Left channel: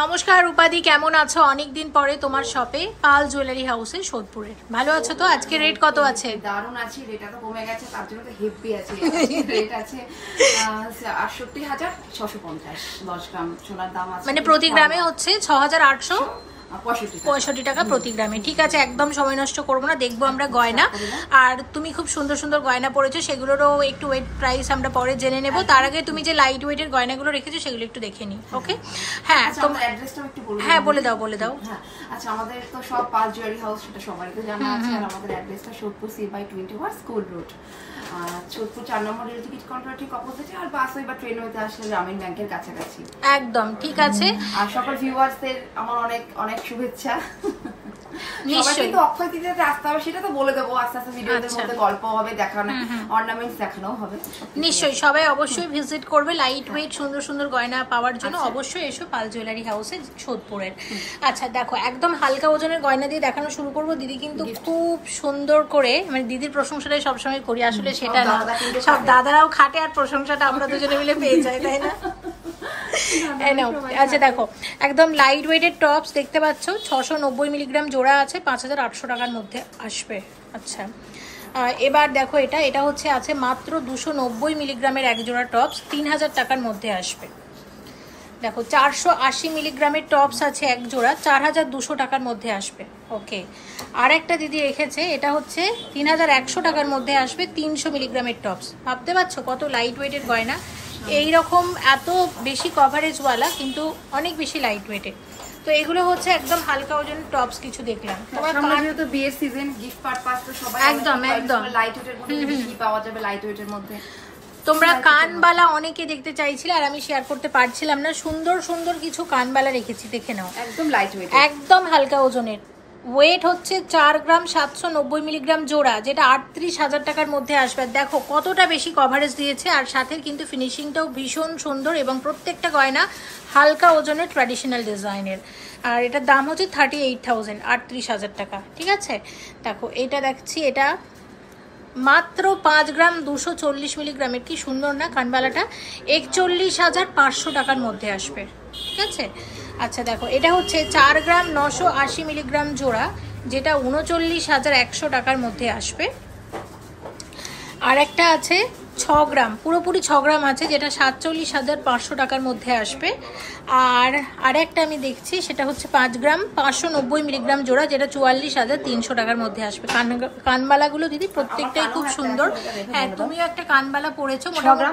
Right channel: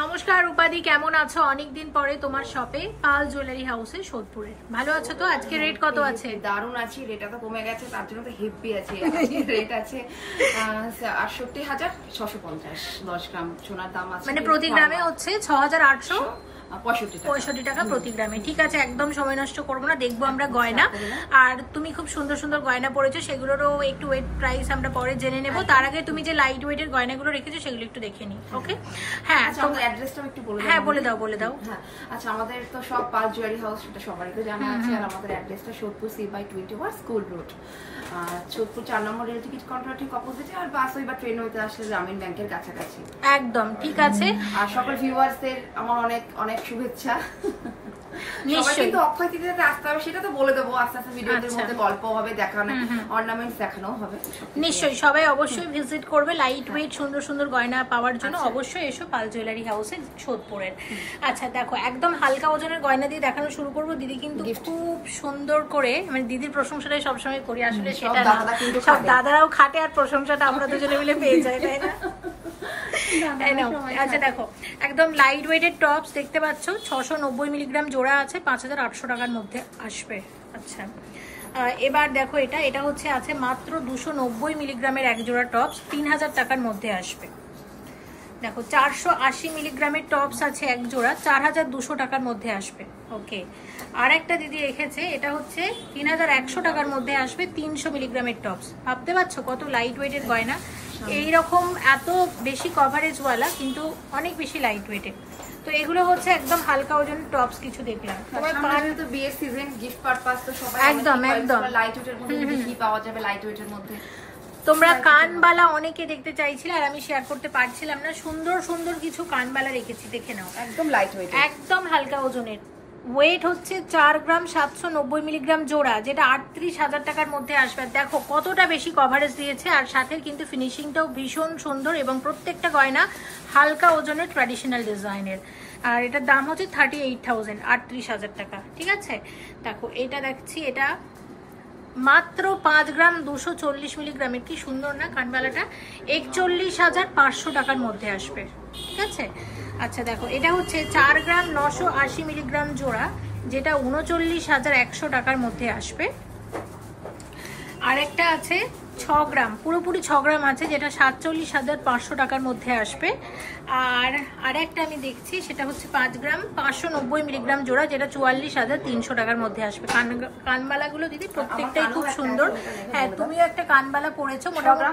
নমস্কার রূপাদি, কেমন আছো? অনেকদিন পরে তোমার শপে পাল জুয়েলারি হাউসে সোদপুরে। ভালো আছো তো? আজকে রেট কত আছে? দারুণ আছে, রেটটা তো কমে গেছে, তার জন্য তো হেভি আছে। রেট আছে ৬৮,৬৫০ 10 গ্রাম সোনার দাম আছে, মানে প্রতি গ্রামে হচ্ছে ৬,৮৬৫ টাকা প্রতি গ্রামে। ঠিক আছে, একদম সময় নষ্ট করবো না, দেখবো আমরা গয়না। আর তুমি খুব সুন্দর সুন্দর গয়না পরেছো, সেগুলোরও একটু ওয়েট প্রাইস আমরা পরে জেনে নেবো। তার আগে তুমি যে লাইট ওয়েটের গয়নাগুলো রেখেছো সেগুলো একটু দেখে নিই। ওকে, হ্যাঁ হ্যাঁ বলে দাও বলে দাও। আচ্ছা, আমাদের তো সব পাল জুয়েলারি হাউস, সেটা সবারই তো জানা আছে। আর আমাদের অ্যাড্রেসটা Sodepur C/21 school road, Sodepur 4 নম্বর রেল টিকিট কাউন্টার ঠিক অপোজিটে। আর বাস বা ট্রেন হতে আসলে গ্রামীণ ব্যাংকের কাছাকাছি একদম। ঠিক আছে, আর সকল ভিউয়ার্সদের আমার অনেক অনেক শুভেচ্ছা। নিশ্চয়ই কিন্তু অক্ষয় তৃতীয়াতে আসতে হবে, সেটা তো বলে দেবো আস্তে আস্তে। ভিডিওর মধ্যে গল্প হবে, দেখানো অর্নামেন্টস দেখানো হবে। নিশ্চয়ই সবাই অবশ্যই ভিজিট করবে লাইট ওয়েট সুন্দর সুন্দর গয়না পাওয়ার জন্য। অবশ্যই এসো পাল জুয়েলারি হাউসে সোদপুরের। আচ্ছা দেখো, একদম হালকা ওজনের গয়না দিয়ে দেখানো শুরু করবো। দিদি কিন্তু খুব সুন্দর করে, মানে দিদির প্রশংসাটাই সবসময় করি, আসলে সেটা না, সব দাদারাও খাটে আর প্রশংসাটা আমরা দুজনে মিলে পেয়ে যাই, তাই না? আচ্ছা দেখো, একদম লাইট ওয়েটের টপস দেখতে পাচ্ছ, 690 মিলিগ্রাম জোড়া আছে, 5,800 টাকার মধ্যে আসবে। আচ্ছা এবার দেখো, এটা হচ্ছে আছে মাত্র 290 মিলিগ্রামের এক জোড়া টপস, 3,000 টাকার মধ্যে আসবে। দেখো 480 মিলিগ্রামের টপস আছে এক জোড়া, 4,200 টাকার মধ্যে আসবে। ওকে, আর একটা দিদি রেখেছে, এটা হচ্ছে 3,100 টাকার মধ্যে আসবে, 300 মিলিগ্রামের টপস। ভাবতে পারছো কত লাইট ওয়েটের গয়না, এইরকম এত বেশি কভারেজওয়ালা কিন্তু অনেক বেশি লাইট ওয়েটের। তো এগুলো হচ্ছে একদম হালকা ওজনের টপস কিছু দেখলাম। তোমার কান তো বিয়ের সিজন, গিফট পারপাস তো সবাই একদম একদম লাইট ওয়েটের মধ্যে কি পাওয়া যাবে, লাইট ওয়েটের মধ্যে তোমরা কানবালা অনেকে দেখতে চাইছিলে, আর আমি শেয়ার করতে পারছিলাম না। সুন্দর সুন্দর কিছু কানবালা রেখেছি, দেখে নাও। একদম লাইট ওয়েট, একদম হালকা ওজনের। ওয়েট হচ্ছে 4 গ্রাম 790 মিলিগ্রাম জোড়া, যেটা 38,000 টাকার মধ্যে আসবে। দেখো কতটা বেশি কভারেজ দিয়েছে, আর সাথে কিন্তু ফিনিশিংটাও ভীষণ সুন্দর, এবং প্রত্যেকটা গয়না হালকা ওজনের ট্র্যাডিশনাল ডিজাইনের। আর এটার দাম হচ্ছে 38,000, 38,000 টাকা। ঠিক আছে, দেখো এটা দেখছি, এটা মাত্র 5 গ্রাম 240 মিলিগ্রামের। কি সুন্দর না কানবালাটা, 41,500 টাকার মধ্যে আসবে। ঠিক আছে, আচ্ছা দেখো, এটা হচ্ছে 4 গ্রাম 980 মিলিগ্রাম জোড়া, যেটা 39,100 টাকার মধ্যে আসবে। আর একটা আছে 6 গ্রাম, পুরোপুরি 6 গ্রাম আছে, যেটা 47,500 টাকার মধ্যে আসবে। আর আরেকটা আমি দেখছি, সেটা হচ্ছে 5 গ্রাম 590 মিলিগ্রাম জোড়া, যেটা 44,300 টাকার মধ্যে আসবে। কানবালাগুলো দিদি প্রত্যেকটাই খুব সুন্দর। হ্যাঁ, তুমিও একটা কানবালা পরেছো, মোটামুটি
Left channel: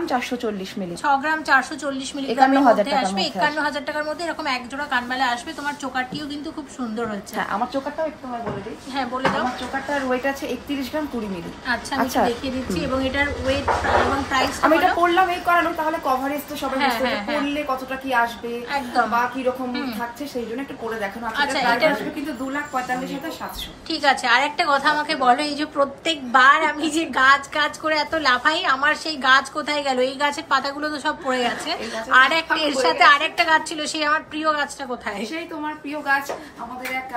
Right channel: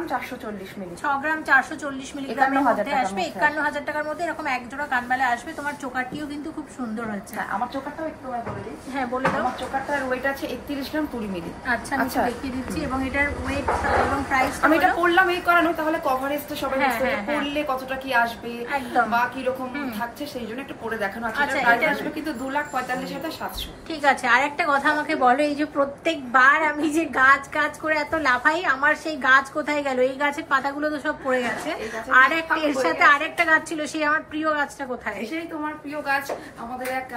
6 গ্রাম 440 মিলিগ্রামের মধ্যে আসবে, 51,000 টাকার মধ্যে। এরকম এক জোড়া কানবালা আসবে। তোমার চোকারটিও কিন্তু খুব সুন্দর হচ্ছে। আমার চোকারটাও একটু বলে দিই। হ্যাঁ বলে দাও। আমার চোকারটার ওয়েট আছে 31 গ্রাম 20 মিলি। আচ্ছা, আমি দেখিয়ে দিচ্ছি, এবং এটার ওয়েট এবং প্রাইস আমি এটা পড়লাম এই কারণে, তাহলে কভারেজ তো সবাই বুঝতে পারবে, পড়লে কতটা কি আসবে একদম, বা কি রকম থাকছে, সেই জন্য একটু পড়ে দেখানো আছে। আচ্ছা, এটা আসবে কিন্তু 2,45,700। ঠিক আছে, আর একটা কথা আমাকে বলো, এই যে প্রত্যেকবার আমি যে গাছ করে এত লাফাই, আমার সেই গাছ কোথায় গেল? এই গাছের পাতাগুলো তো সব পড়ে গেছে। আর একটা এর সাথে আরেকটা গাছ ছিল, সেই আমার প্রিয় গাছটা কোথায়? সেই তোমার প্রিয় গাছ আমাদের এক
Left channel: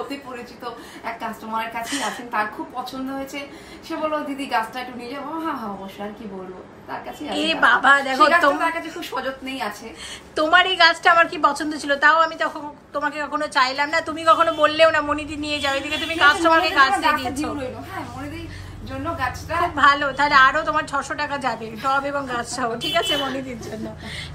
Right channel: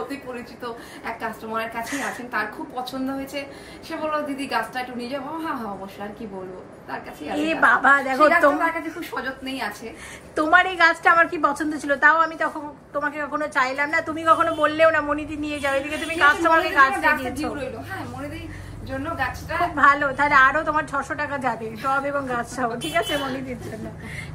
অতি পরিচিত এক কাস্টমারের কাছেই আছেন, তার খুব পছন্দ হয়েছে। সে বললো দিদি গাছটা একটু নিয়ে যাবো। হ্যাঁ হ্যাঁ অবশ্যই, আর কি বলবো, তার কাছে বাবা দেখো, তোমার কাছে খুব সযত্নেই আছে। তোমার এই গাছটা আমার কি পছন্দ ছিল, তাও আমি তখন তোমাকে কখনো চাইলাম না, তুমি কখনো বললেও না মনিদি নিয়ে যাও, এদিকে তুমি কাস্টমারকে গাছ দিয়ে দিয়েছো। হ্যাঁ, মনিদির জন্য গাছটা খুব ভালো, তাহলে আরো তোমার 600 টাকা যাবে টব এবং গাছ সহ। ঠিক আছে মনিদির জন্য।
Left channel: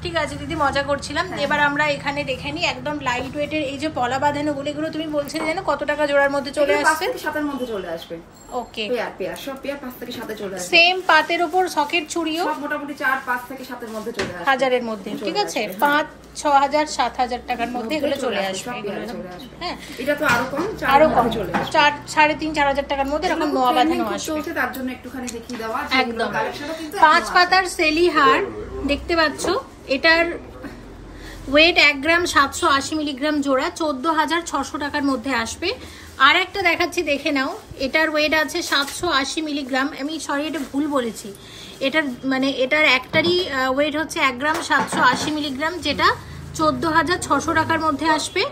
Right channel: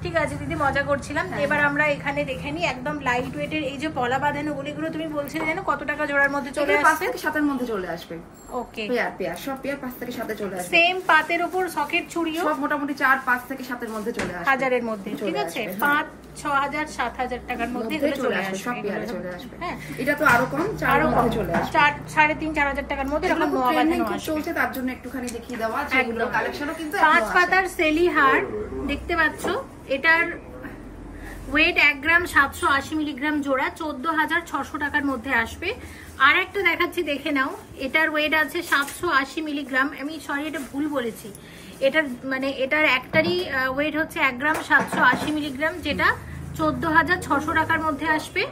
ঠিক আছে দিদি, মজা করছিলাম। এবার আমরা এখানে দেখে নিই, একদম লাইট ওয়েটের এই যে পলা বাঁধানো গুলো তুমি বলছিলে জানো কত টাকা জোড়ার মধ্যে চলে আসবে? 5-7 মধ্যে চলে আসবে। ওকে, পেয়ার সব পেয়ার 5 থেকে 7 চলে আসবে। সেম পাতের উপর সকেট চুড়িও সব মোটামুটি 4-5 থেকে 7 এর মধ্যে চলে আসবে, হাজারের মধ্যে। ঠিক আছে, 5-6,000 7,000 টাকার মধ্যে এগুলো চলে আসবে। হ্যাঁ, এটা তো আরো কম, 4 এর মধ্যে চলে আসবে, 3,500-4,000 টাকার মধ্যে এরকম নোয়া বাঁধানো আসবে। তার জন্য একটুখানি দেখিয়ে দেওয়া, যেগুলো কালেকশনও কিন্তু 5 পাতার সেলি হার দেখতে পাচ্ছ। এটার ওয়েট 1 গ্রাম 780 মিলিগ্রাম জোড়া, 14,600 টাকার মধ্যে আসবে। আর একটা দেখাচ্ছি, দেখে নাও। এটার ওয়েট আছে 780 মিলিগ্রাম। আমি সরি, এটা ভুল বলেছি। এটার একটারই ওয়েট হচ্ছে 1 গ্রাম 780 মিলিগ্রাম, যেটা 14,600 টাকার মধ্যে আসবে।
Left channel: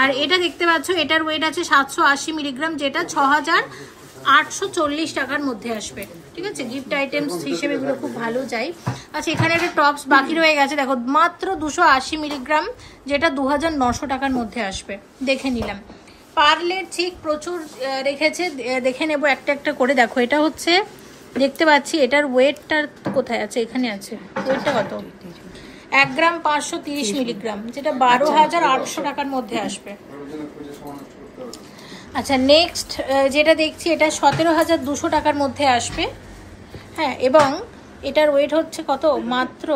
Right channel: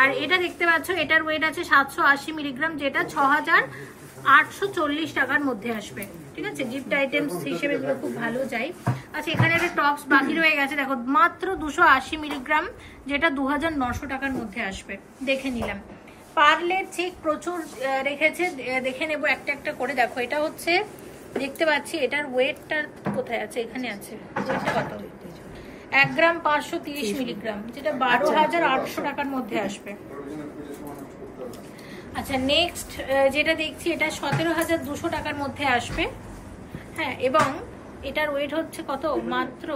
আর এটা দেখতে পাচ্ছ, এটার ওয়েট আছে 780 মিলিগ্রাম, যেটা 6,840 টাকার মধ্যে আসবে। ঠিক আছে, গিফট আইটেমস হিসেবে এগুলো খুব ভালো যায়। আচ্ছা, এখানে একটা টপস বাকি রয়ে গেছে, দেখো মাত্র 280 মিলিগ্রাম, যেটা 2900 টাকার মধ্যে আসবে। দেখে নিলাম। পার্লের ঠিক প্রচুর রেখেছে, দেখে নেব একটা একটা করে। দেখো এটা হচ্ছে, দেখতে পাচ্ছি এটার ওয়েটটা কোথায় আছে, এখানে আছে। ওয়েটটা কত? 1 গ্রাম 530 মিলিগ্রাম, যেটা 12,800 টাকার মধ্যে আসবে। আচ্ছা, নেক্সট যেটা দেখছি এটা 17,200 টাকার মধ্যে আসবে। হ্যাঁ, এবং এটার ওয়েট হচ্ছে কত? মাত্র,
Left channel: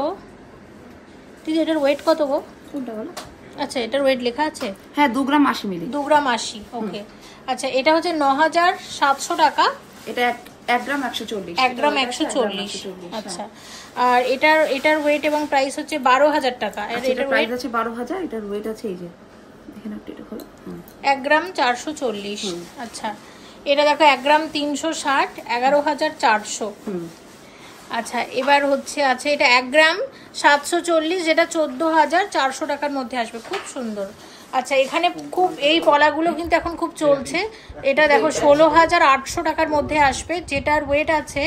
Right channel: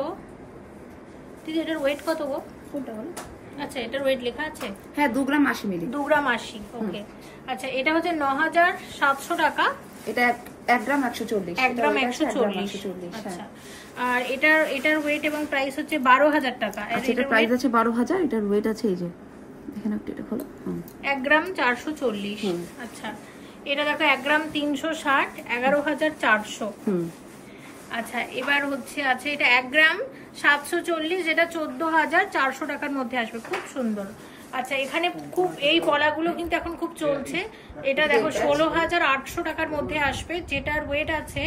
ঠিক, এটার ওয়েট কত গো? কোনটা বলো? আচ্ছা, এটার ওয়েট লেখা আছে, হ্যাঁ 2 গ্রাম 80 মিলি, 2 গ্রাম 80। ওকে, আচ্ছা, এটা হচ্ছে 9,700 টাকা। এটা 1 গ্রাম 140, 1 গ্রাম 140। আচ্ছা, আর এটার ওয়েট এবং প্রাইস হচ্ছে 12,000 টাকা। আচ্ছা, এটার প্রাইস আছে 12,000, এটার ওয়েট আছে এই যে এখানে এটা খোলো, 1 গ্রাম 440। আচ্ছা, এটা দেখো 1 গ্রাম 360, 11,400। আচ্ছা, এবার হচ্ছে আছে এটা 1 গ্রাম 740, যেটা 14,400 টাকার মধ্যে আসবে। খুব সুন্দর। আচ্ছা, এখানে খুব এই পলাগুলো কিন্তু এখন খুব চলছে। এটা দেখো 16,800 টাকার মধ্যে আসবে, যেটার ওয়েট আছে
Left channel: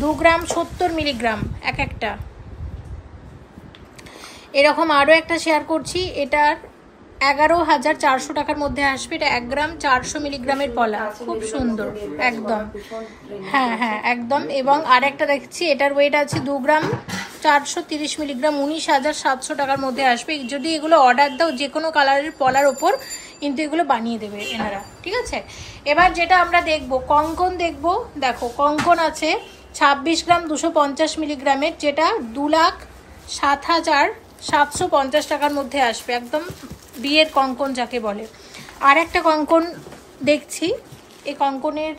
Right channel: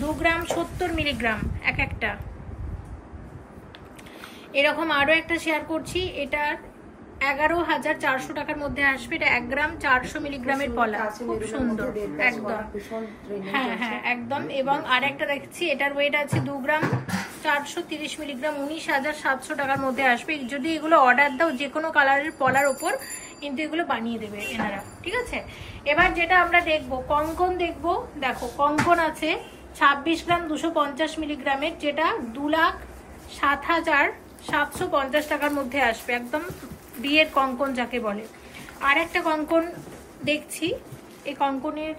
2 গ্রাম 70 মিলিগ্রাম এক একটা। এরকম আরো একটা শেয়ার করছি, এটার 11,400 টাকার মধ্যে আসবে। এটা 1 গ্রাম 400 মিলিগ্রামের পলা, খুব সুন্দর একদম। হ্যাঁ হ্যাঁ একদম। এবং আরেকটা দেখছি, এটার ওয়েট আছে 2 গ্রাম 430 মিলিগ্রাম, 19,700 টাকার মধ্যে আসবে। যদি এগুলো অর্ডার দাও যে কোনো কালারের পলার ওপর, কিন্তু এগুলো বানিয়ে দেবে এনারা, ঠিক আছে। এবার যেটা আমরা দেখব, কঙ্কন দেখব। দেখো কঙ্কন আছে 26 গ্রাম 250 মিলিগ্রামের, যেটা 2,07,750 টাকার মধ্যে আসবে। একদম বিয়ের কঙ্কন যাকে বলে। আর একটা কঙ্কন দেখছি, এই কঙ্কনের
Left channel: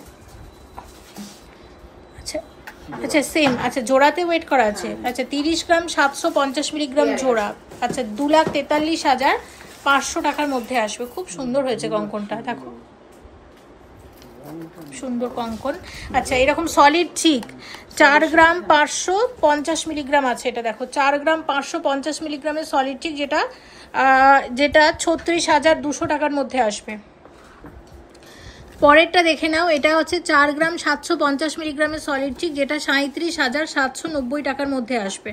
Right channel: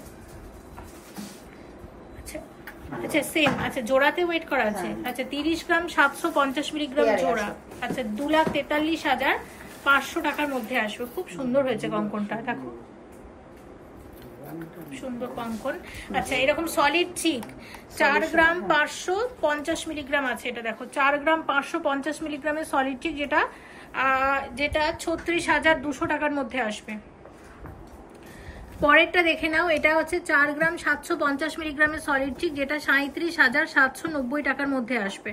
আচ্ছা আচ্ছা সেম, আচ্ছা জোড়াতে ওয়েট করা আছে। আচ্ছা, 30 গ্রাম 750 মিলিগ্রাম জোড়া। আচ্ছা, 2,43,500 টাকার মধ্যে আসবে। খুব সুন্দর হয়েছে কঙ্কনটা, দেখো সুন্দর কঙ্কন। আচ্ছা, এরকম সলিড চিক 4 গ্রাম 550 মিলিগ্রাম আছে। এটা দেখো 4 গ্রাম 550 মিলিগ্রামের সলিড চিক, যেটা 36,200 টাকার মধ্যে আসবে। পরেরটা দেখে নাও, এটা হচ্ছে 4 গ্রাম 750 মিলিগ্রামের সলিড চিক, যেটা 37,790 টাকার মধ্যে আসবে।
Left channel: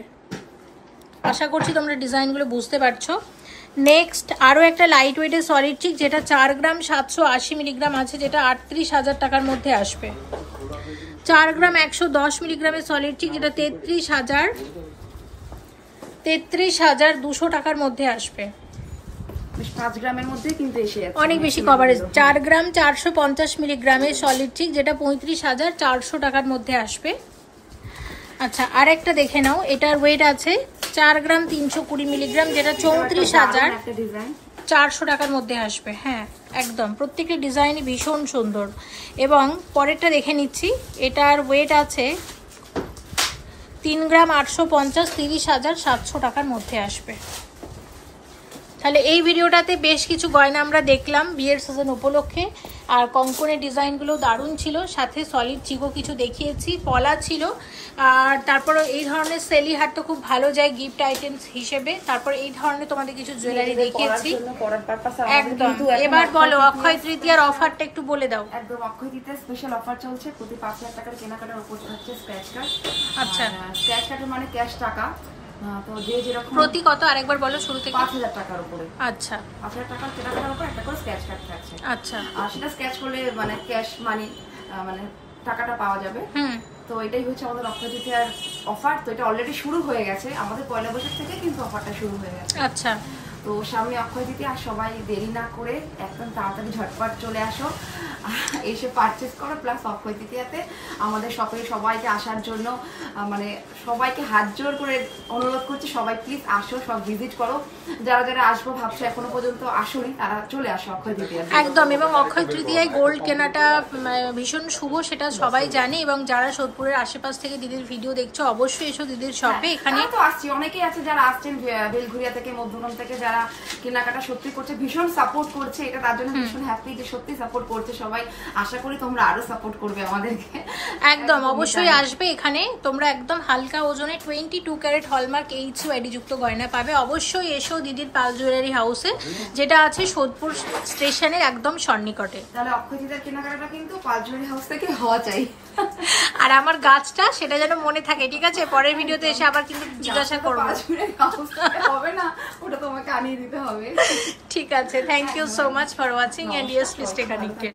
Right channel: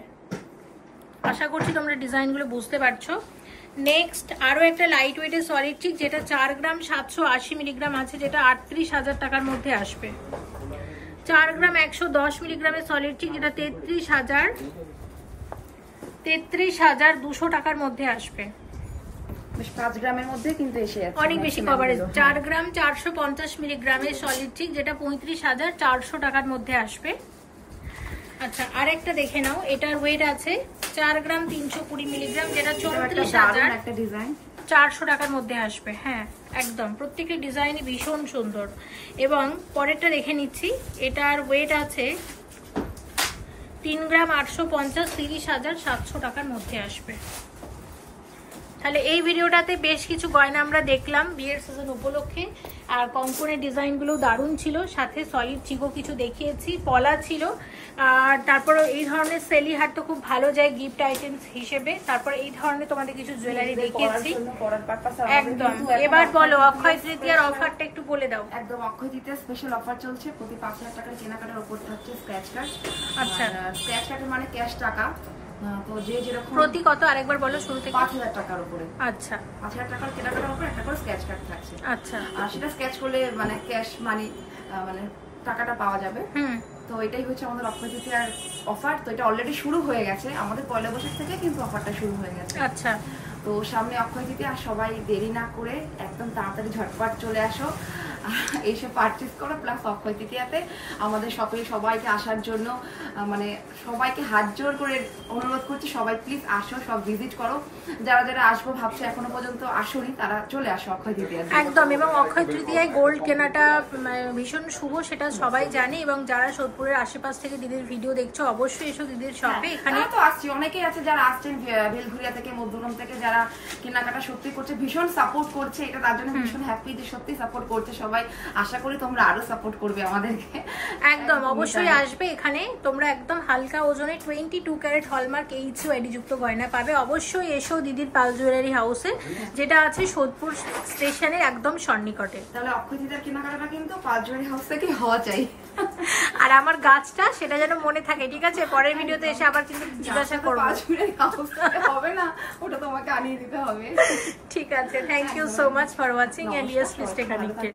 আশা করছি তোমরা ডিজাইনগুলো বুঝতে পারছো। নেক্সট আরও একটা লাইট ওয়েটের সলিড চিক, যেটা 4 গ্রাম 780 মিলিগ্রাম আছে, যেটা 38,000 টাকার মধ্যে আসবে। 4 গ্রাম 110 মিলিগ্রামের সলিড চিক, যেটা 33,200 টাকার মধ্যে আসবে। 5 গ্রামের মধ্যে কিন্তু এসে যাচ্ছে, অনেক বেশি কভারেজ। 4 গ্রাম 450 মিলিগ্রামের সলিড চিক, যেটা 35,400 টাকার মধ্যে আসবে। আচ্ছা, আর একটা দেখে নাও, এটার ওয়েট আছে 4 গ্রাম 320 মিলিগ্রাম, যেটা 34,400 টাকার মধ্যে আসবে। হ্যাঁ একদম, প্রত্যেকটা ডিজাইনই ভীষণ সুন্দর। এবং পরেরটা দেখে নিচ্ছি, এটার ওয়েট আছে 3 গ্রাম 850, 30,700 টাকার মধ্যে আসবে। তাহলে এই ভিডিওটাতে বেশ কিছু গয়না আমরা দেখলাম বিয়ের সিজন উপলক্ষে। আর কঙ্কনের ডিজাইনগুলো দারুণ ছিল, সাথে সলিড চিকও কিছু দেখিয়েছি, পলা ছিল। আর তারপর এই ধরনের সেলি হাট তো খুব ভালো যায় গিফট আইটেমস হিসেবে। তারপর এই ধরনের তোমাদের কিছু জুয়েলারি দেখিয়েছি একদম। এবার বলো অক্ষয় তৃতীয়ার অফারটা একটু বলে দাও। একদম, অক্ষয় তৃতীয়ার স্পেশাল অফার চলছে। প্রতি 5,000 টাকার কেনাকাটার উপর হচ্ছে স্ক্র্যাচ কার্ড। আচ্ছা, স্ক্র্যাচ কার্ড মানে ক্যাশ টাকা। তো যে যেরকম প্রতি কত আরেকবার বলো শুরু থেকে? 5,000 টাকার উপরে। আচ্ছা, 5,000 টাকার কেনাকাটার উপর একটা করে স্ক্র্যাচ কার্ড থাকছে। আচ্ছা, আর সেটা স্ক্র্যাচ করলে মানে ক্যাশ মানি মানে টাকাটা পাওয়া যাবে। তো এটাই হচ্ছে আমাদের অক্ষয় তৃতীয়ার অফার। তো এটা অলরেডি শুরু হয়ে গেছে, আমাদের পয়লা বৈশাখ থেকে কিন্তু অফারটা শুরু হয়ে গেছে। আচ্ছা, তো সামনে অক্ষয় তৃতীয়া, আর সবাই দেরি না করে একদম তাড়াতাড়ি ঝটপট চলে আসো, এসে পারচেস করো। প্লাস অক্ষয় তৃতীয়াতে আমাদের শপে সবাইকে আসার জন্য মানে সবাইকে হাত জোর করে অনুরোধ করছি, সবাই প্লিজ আসো, সব ভিজিট করো। যারা যারা আসবো ভাবছো এখনো পর্যন্ত আসোনি, তারা চলে আসো অক্ষয় তৃতীয়া একদম। এবং অক্ষয় তৃতীয়ায় গোল্ড কেনাটা ভীষণ শুভ, সেটা সবাই জানে। এবং যারা সোদপুরের আশেপাশ থেকে দিদির ভিডিও দেখছো, অবশ্যই এসো দিদির শপে। এখানে তো আসছি, অনেকেই আছে যারা আসছেন বেলঘুরিয়া থেকে, মধ্যম থেকে, যারা কেনাকাটা সত্যি করছে, ভীষণ সাপোর্ট করছে। এটা তার জন্য ভীষণ হ্যাপি যে সত্যি সাপোর্ট করছে সবাই। সবাই আশা করি তোমরা আরো সাপোর্ট করবে আমাদেরকে। একদম অবশ্যই আসবে এখানে, তোমরা একদম হালকা ওজনে 22 ক্যারেট হলমার্ক HUID যুক্ত গয়না পাবে। অবশ্যই এসো দিদির পাল জুয়েলারি হাউসে, যেটা আছে সোদপুর স্টেশনের একদম সন্নিকটে। তাহলে অক্ষয় দিদার কেনাকাটা কিন্তু পাল জুয়েলারি হাউস থেকে হওয়া চাই। আর আমার গাছটা সেটা যেন মনে থাকে, ঠিক আছে? পরের ভিডিওতে এসে আবার কিন্তু জিজ্ঞাসা করবো। হবে না, ওটা তোমাকে আনিয়ে দিতে হবে। ঠিক আছে, thank you so much for watching and yes please stay connected.